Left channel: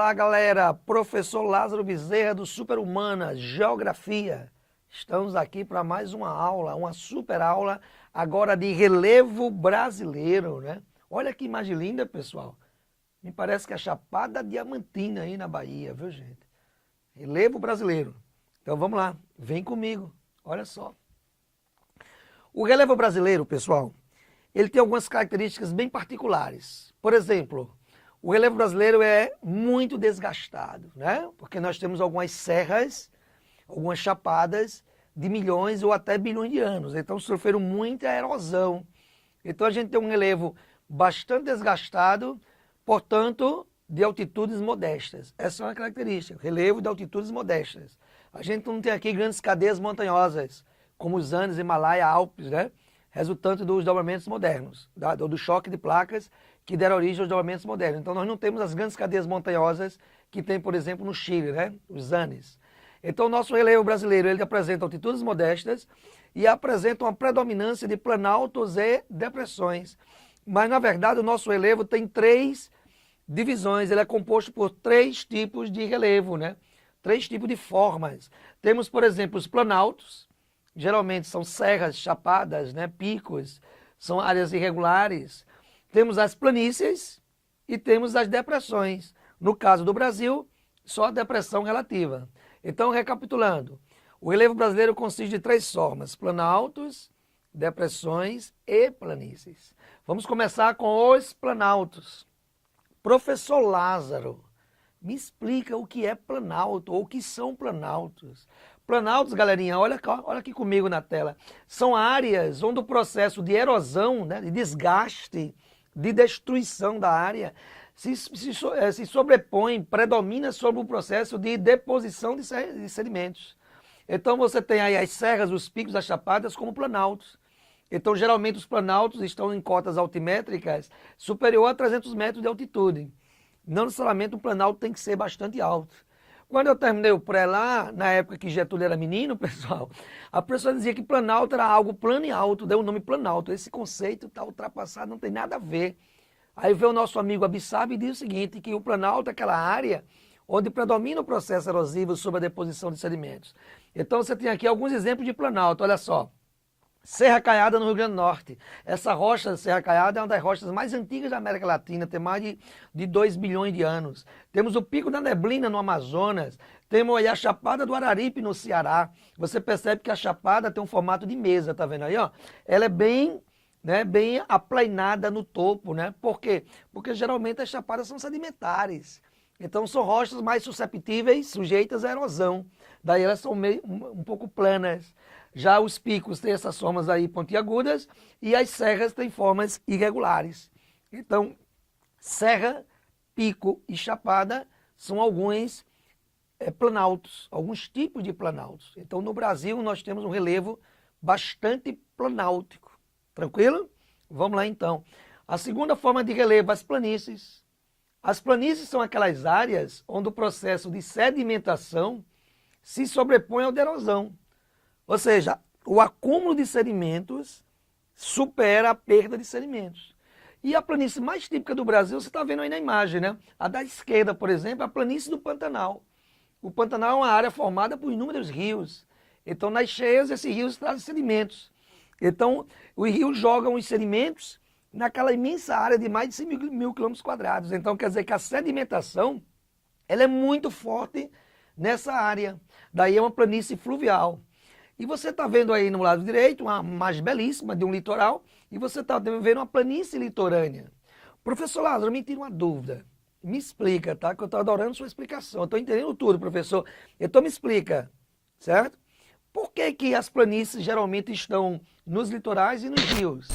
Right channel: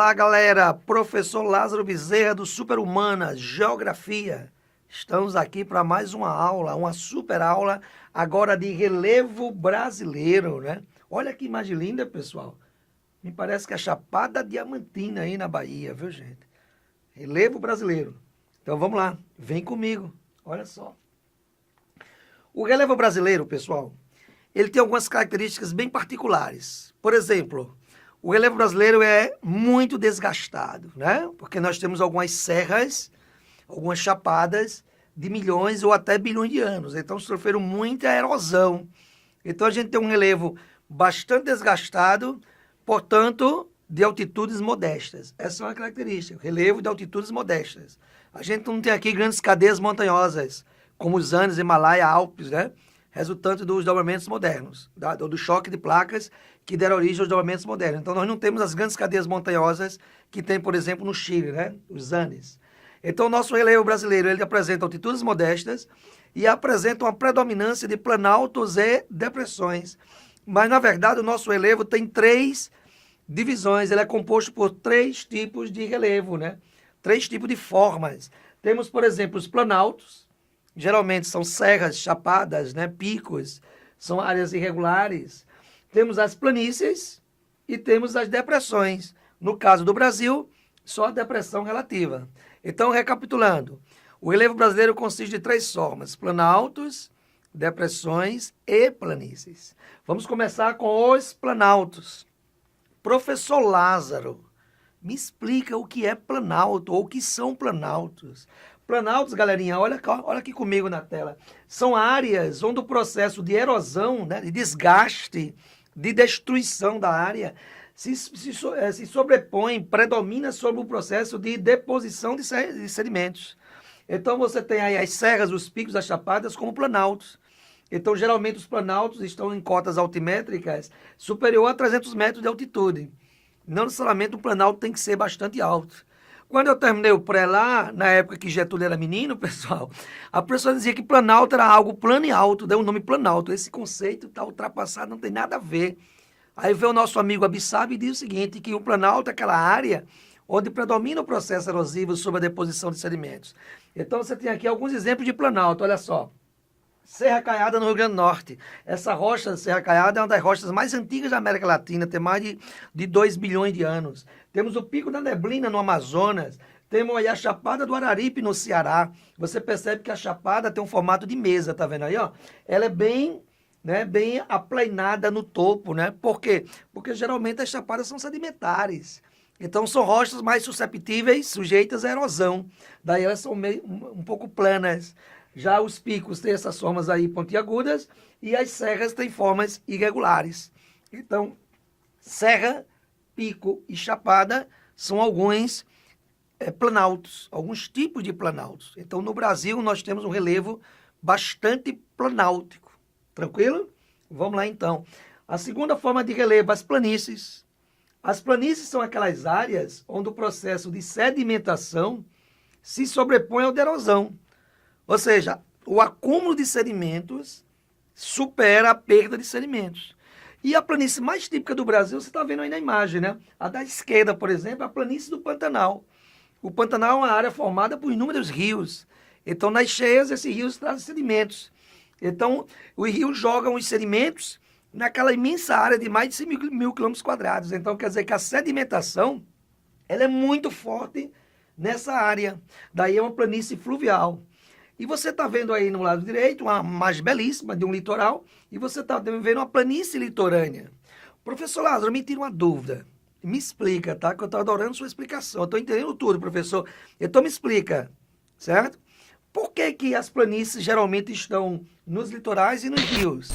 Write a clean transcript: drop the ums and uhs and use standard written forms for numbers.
Olá, galera! Professor Lázaro Bezerra do Super-Humana, Geografia. Estamos aqui para mais uma aula, uma super aula, agora de relevo brasileiro, né? Olha que imagem linda, pessoal. Me parece que é a Chapada Diamantina aí na Bahia, viu, gente? Relevo brasileiro. Então vamos lá, vem comigo. Olha só. O relevo brasileiro, pessoal, ele tem algumas características bem particulares. Por exemplo, o relevo brasileiro é muito desgastado, né? Porque nós temos algumas serras, algumas chapadas de milhões ou até bilhões de anos. Então sofreram muita erosão. Então a gente tem um relevo bastante desgastado, portanto, de altitudes modestas. Essa é uma característica, relevo de altitudes modestas. A gente não tem aqui grandes cadeias montanhosas, como os Andes, Himalaia, Alpes, né? Resultante dos desdobramentos modernos, do choque de placas que deram origem aos desdobramentos modernos. Então nós não temos as grandes cadeias montanhosas que tem, por exemplo, no Chile, né? Os Andes. Então o nosso relevo brasileiro, ele apresenta altitudes modestas e apresenta uma predominância de planaltos e depressões. Mas na verdade o nosso relevo tem três divisões, ele é composto por três tipos de relevo, né? Três tipos de formas. Temos, por exemplo, os planaltos. Geralmente são serras, chapadas, né, picos, são áreas irregulares. Temos as planícies e temos as depressões. No caso do Brasil, só a depressão relativa. Então, recapitulando, o relevo brasileiro consiste de três formas: planaltos, depressões e planícies. Vamos começar com os planaltos. Professor Lázaro, me explica o que é planalto ou o que são planaltos. Planaltos, galerinha, olha aqui comigo na tela. São áreas onde o processo de erosão, né, de desgaste, de destruição da área se sobrepõe, predomina sobre o processo de deposição de sedimentos. Então você tem aí as serras, os picos, as chapadas como planaltos. Então geralmente os planaltos estão em cotas altimétricas superior a 300 metros de altitude. Não necessariamente o planalto tem que ser bastante alto. Quando eu terminei o pré lá, na época que Getúlio era menino, pessoal, a pessoa dizia que planalto era algo plano e alto, deu o nome planalto. Esse conceito está ultrapassado, não tem nada a ver. Aí veio o nosso amigo Abissab e diz o seguinte, que o planalto é aquela área onde predomina o processo erosivo sobre a deposição de sedimentos. Então você tem aqui alguns exemplos de planalto, olha só. Serra Caiada no Rio Grande do Norte. Essa rocha, Serra Caiada, é uma das rochas mais antigas da América Latina, tem mais de 2 bilhões de anos. Temos o Pico da Neblina no Amazonas, temos aí a Chapada do Araripe no Ceará. Você percebe que a chapada tem um formato de mesa, tá vendo aí, ó? Ela é bem, né, bem aplainada no topo, né? Por quê? Porque geralmente as chapadas são sedimentares. Então são rochas mais susceptíveis, sujeitas à erosão. Daí elas são um pouco planas. Já os picos têm essas formas aí pontiagudas e as serras têm formas irregulares. Então, serra, pico e chapada são alguns planaltos, alguns tipos de planaltos. Então, no Brasil, nós temos um relevo bastante planáltico. Tranquilo? Vamos lá, então. A segunda forma de relevo, as planícies. As planícies são aquelas áreas onde o processo de sedimentação se sobrepõe ao de erosão. Ou seja, o acúmulo de sedimentos supera a perda de sedimentos. E a planície mais típica do Brasil, você está vendo aí na imagem, né? A da esquerda, por exemplo, a planície do Pantanal. O Pantanal é uma área formada por inúmeros rios. Então, nas cheias, esses rios trazem sedimentos. Então, os rios jogam os sedimentos naquela imensa área de mais de 100 mil quilômetros quadrados. Então, quer dizer que a sedimentação ela é muito forte nessa área. Daí é uma planície fluvial. E você está vendo aí no lado direito uma imagem belíssima de um litoral e você está vendo uma planície litorânea. Professor Lázaro, me tira uma dúvida. Me explica, tá? Que eu estou adorando sua explicação. Eu estou entendendo tudo, professor. Então me explica, certo? Por que que as planícies geralmente estão nos litorais e nos rios?